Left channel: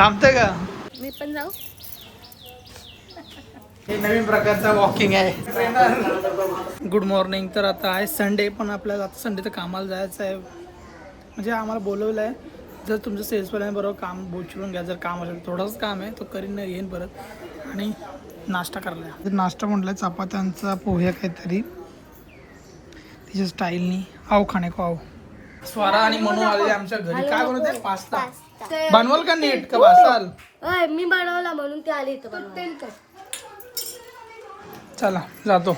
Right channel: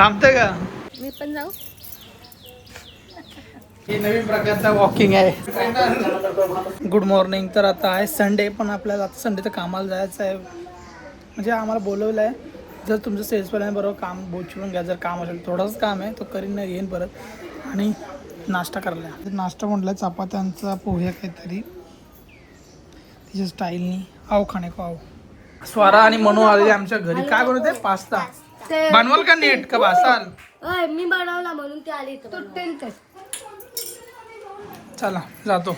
थांबते का? मी पण जाऊ. हे नवीन प्रकारचा वॉकिंग आहे. Good morning. तर आता आहे संडे, पण आपल्याला आता संडे तर कामाला जायचं आहे. म्हणजे आम्हाला बोलवलं आहे, जर तुमचं सेल्सवाल्याने बरोबर काम बोचवून घ्या. जर काम असेल, थोडंच काम आहे, तो करीन नाही येईन परत. आणि नाश्ता करायला. नाश्ता म्हटलं चपात्यांचा पोहे काहीतरी तिच्या स्टाईलनी. आव खाणे को आव. स्वरा आणि मनू आलेले आमच्या घरी. काय बनवत आहे? पास्ता. बनवाल का नीट का बसाल? मी बनवला म्हणून ते आली. चला जातो.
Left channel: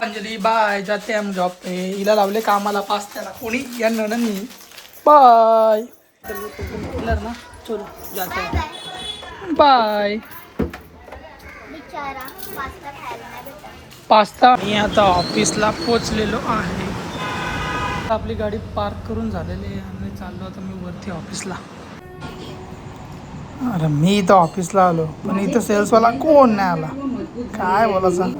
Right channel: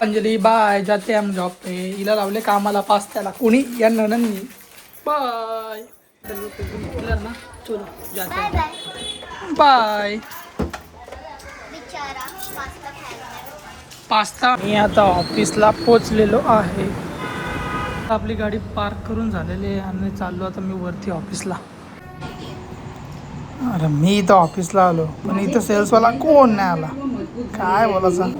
अंजली बाय. जाते हम जॉब पे. हिला लावले कामाला पास्त्याला. कोणी या नणंदनी. बाय. ना चलो जाते. बाय. पास्ता. मी आता ऑफिसला पोचलेलो आहे. आपली गाडी पार्क करून झालेली आहे आणि चाललो आता मी वरती ऑफिसला. अरे मी इथं ऑफिसला आलो, पण इथं सेल्सवाला कोण नाही आला. काय बोलायचं.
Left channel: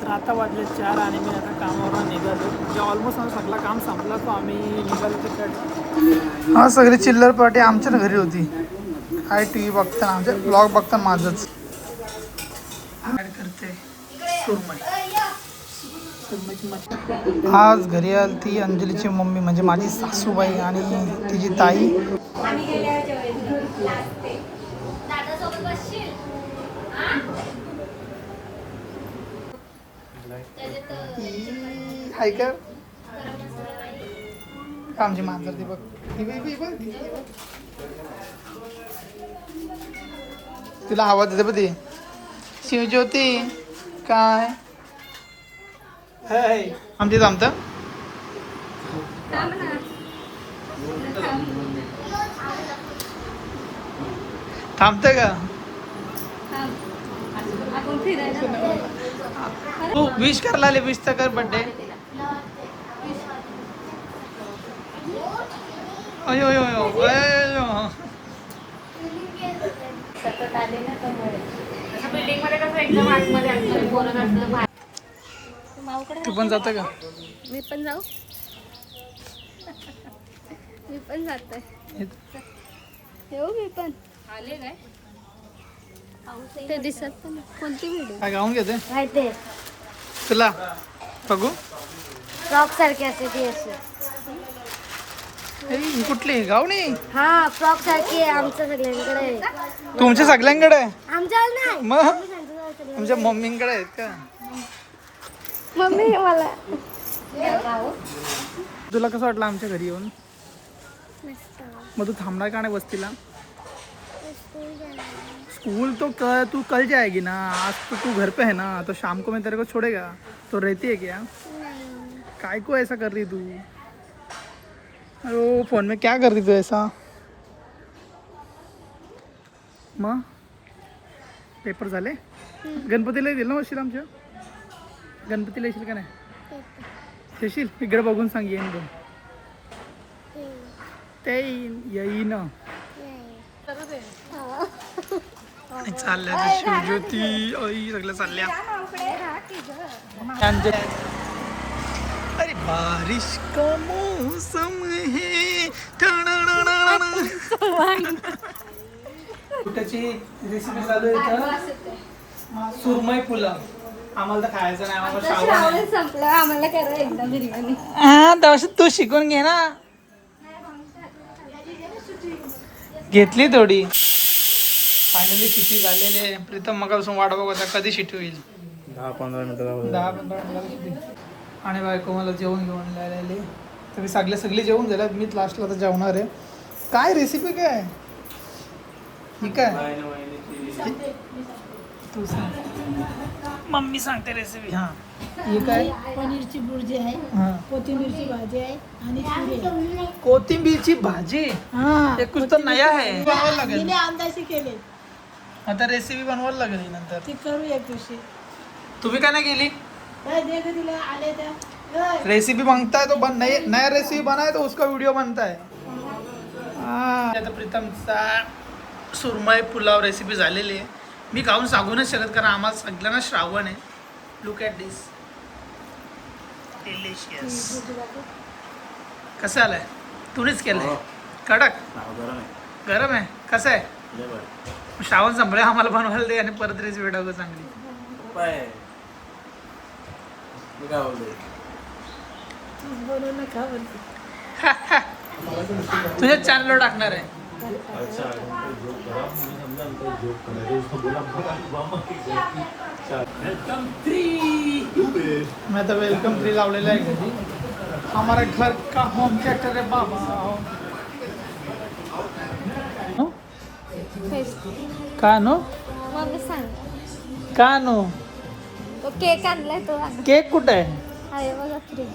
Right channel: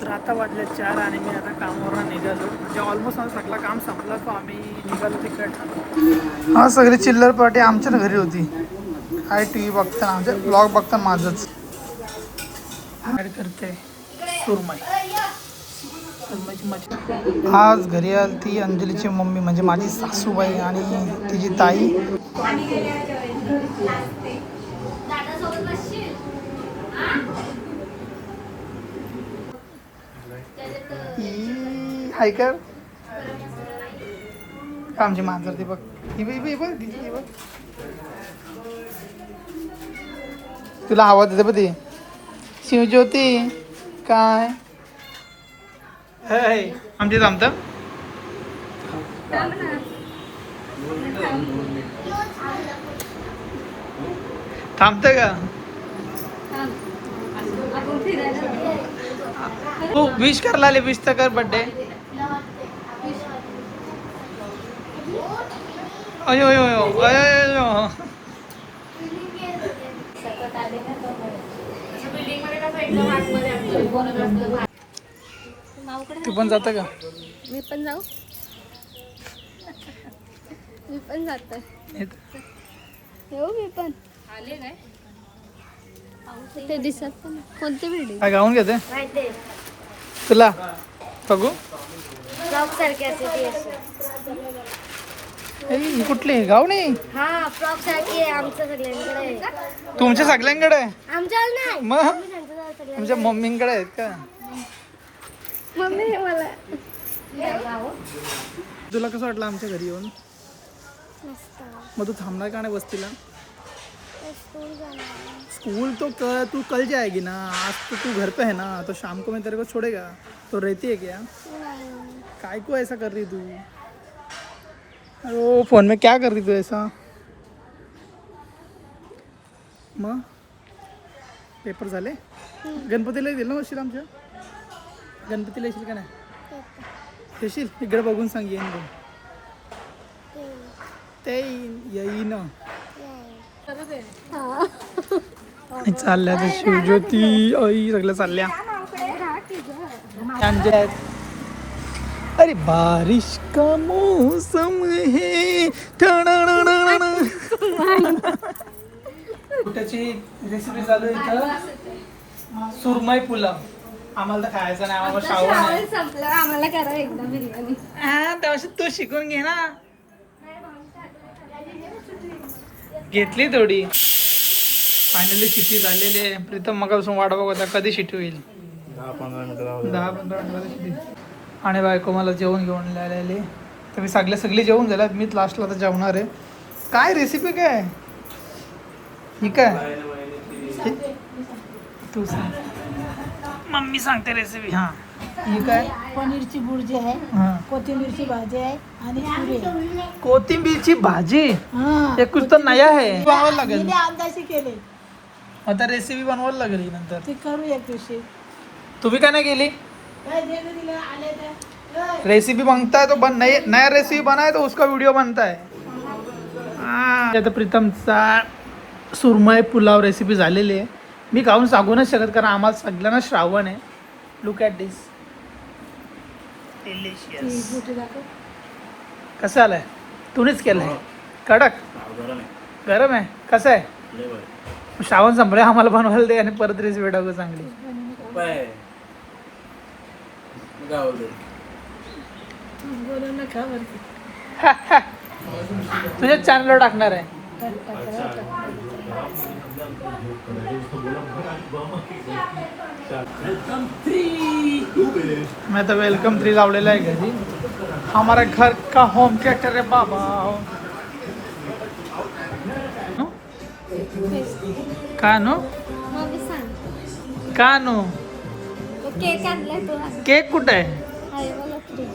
तर आता वाजले 4 आणि मी आता कामावर निघालो. म्हणजे ऑलमोस्ट आम्ही सगळं काम संपलं, तो आम्ही निघालो तिकडे. हा सगळी चिल्लर पार्टी आमच्या घरी होती. काय टी व्ही बघताना, आमचे ब्लॉग बघताना माझंच ॲड करते सुरमई. आज घरी आली ती अंजलीची मम्मी, म्हणजे माझी सासूबाई आणि तिची ताई. हाय कर आमची मांजर ती बघ. तुला आवाज देते बघ ती. शिवज्योती काय आमची थांबतं. थांबतं का? तू विश करला ले. विश तर कर बर्थडे. अयो अयो अयो अयो. तू पण जातं का? मी पण जाऊ. मी पण जातोय. येऊ मी पण. आले काय ते दिसत पण. कोणती बिल्डिंग? काय गाऊन घेते माहिती तुला? बघू. फ्रॉक सारखे असते ती असते. ही कुठली गावणी? हा फ्रॉक सारखे आमच्या सगळ्यांकडे. तुमच्या सगळ्यांकडे? आमच्या नाही. मग तुमच्या मम्मींकडे आहेत का? मम्मी मला. तुला कसं वाटलं आमच्या घरी येऊन? मस्त. मग तू थांबणार का नाही वस्तीला? स्कूल तो तू कल जाएगी ना. आज तो तू घर पे है ना, तो शाम को मैं तेरे को छोड़ेगा. तो रहती है क्या? काय को ऐसा कर रही तू? अरे फोन में क्या कर रही तू ऐसा? मग पेपर झाले? गणपतीला येतील ना वशील आमच्या? गणपतीला येशील का नाही? येशील? इकडे बघून सांग येईन बघ. ते येईन. चालल्या शिवज्योती आई सगळं चालल्या. अरे बारिश का मौसम है. त्याची रेसिपी चालू आहे तर सुरमई पुलाव. आम्हाला तर खायचं नाही, आम्हाला श्रावण आहे. संपलं आम्हाला करा एकदा बिर्याणी. हा तेव्हा तू शिकून घे ना. घेतली थोडी. फायनली शिटी झालेली आहे. प्रीतम मगापासून वाट बघत होता कधी शिटी होईल. 10-15 मिनिटं शिटी. आणि बायको मला जेवण घेऊन आलेली. तर मी सगळी जेवून झाल्यात. मीच लास्टला तर जेवणार आहे. काय रेसिपी काय ही? काय तू सांग. मम्मी सांगते रेसिपी. हां ही काय? पनीरची भुर्जी आहे, कोथिंबीरची भाजी आहे आणि आंबे. कोथिंबीरची भाजी. हा हे कुछ तर नया है. बनवायला लागेल. तिने अंदाजे केले. आता रेसिपी बनवायला लागेल ही नंतर. ती करू एक दिवशी. तुम्ही का नाही केली? काय दे गं तिला आले तर. रेसिपी मांगता है तो नया रेसिपी बनाए तो उसका वीडियो बनता है. आता प्रीतमचा सुरमई पुलाव रेसिपी झालेली आहे. मी खाऊन सांगू नाही शकत कारण आम्हाला सगळ्यांना श्रावण आहे. Look at this. डिलिशियस. कसं आलंय? तुम्हीच केलंय? कडक गरम आहे कसं आहे श्रावण संपले आम्हाला बनवायला दे आणि परत रेसिपी टाकू चांगली. बोलू नका बरं. तुझ्या चॅनलवर टाकणार आहे. मैं तो वेलकम 3 लावलेला आहे घरी. हमारा घर का होम थिएटर है बाबा. का नो मग सांग का नो तो केक आणलाय तो आणा. केक कुठे आहे आहे बघा फ्रीज.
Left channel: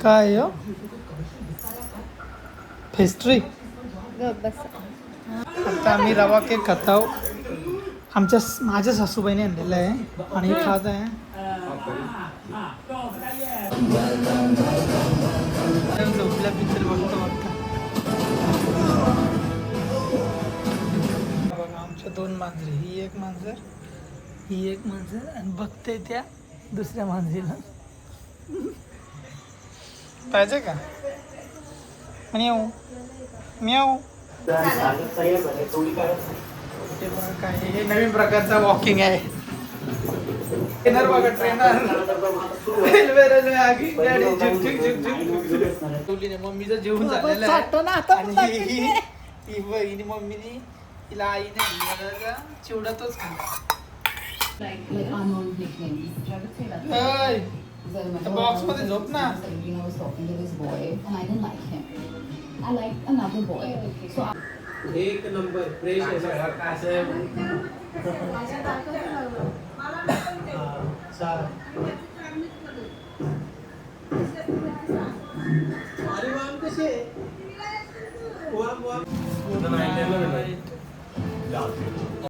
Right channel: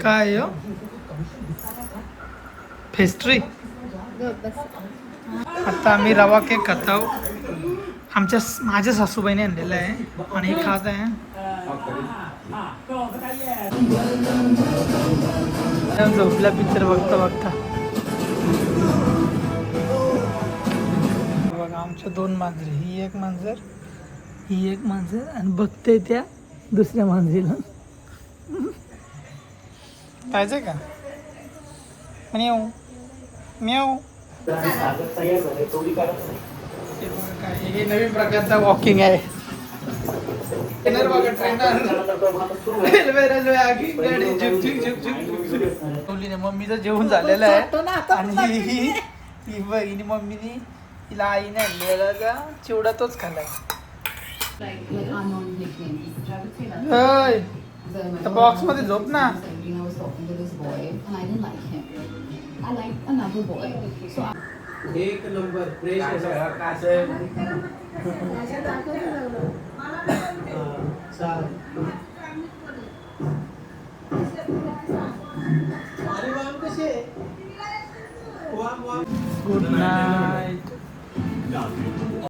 काय हो पेस्ट्री. बस आता आम्ही रवा केक खात आहोत. माझ्या सासूबाईने आणलेलं आहे आणि खात आहे. झोपल्या पिक्चर बघता बघता. बघा आमच्या 2 मांजरी. ही एक मांजर आणि बघते त्या दुसऱ्या मांजरीला. पाहिजे का म्याऊ म्याऊ. काय हे नवीन प्रकारचा वॉकिंग आहे. ट्रेनर बघा ट्रेनर. रेल्वे आगी गाडी झुक झुक झुक झुक झुक. मम्मीचं जेवण झालेलं आहे आणि ही बहिणी मम्मीनी तिला आईने आणली बघा चिवडा तोच खाल्ला. बॉक्स मध्ये झोप ना. एक नंबर फ्रेश आहे. Good night.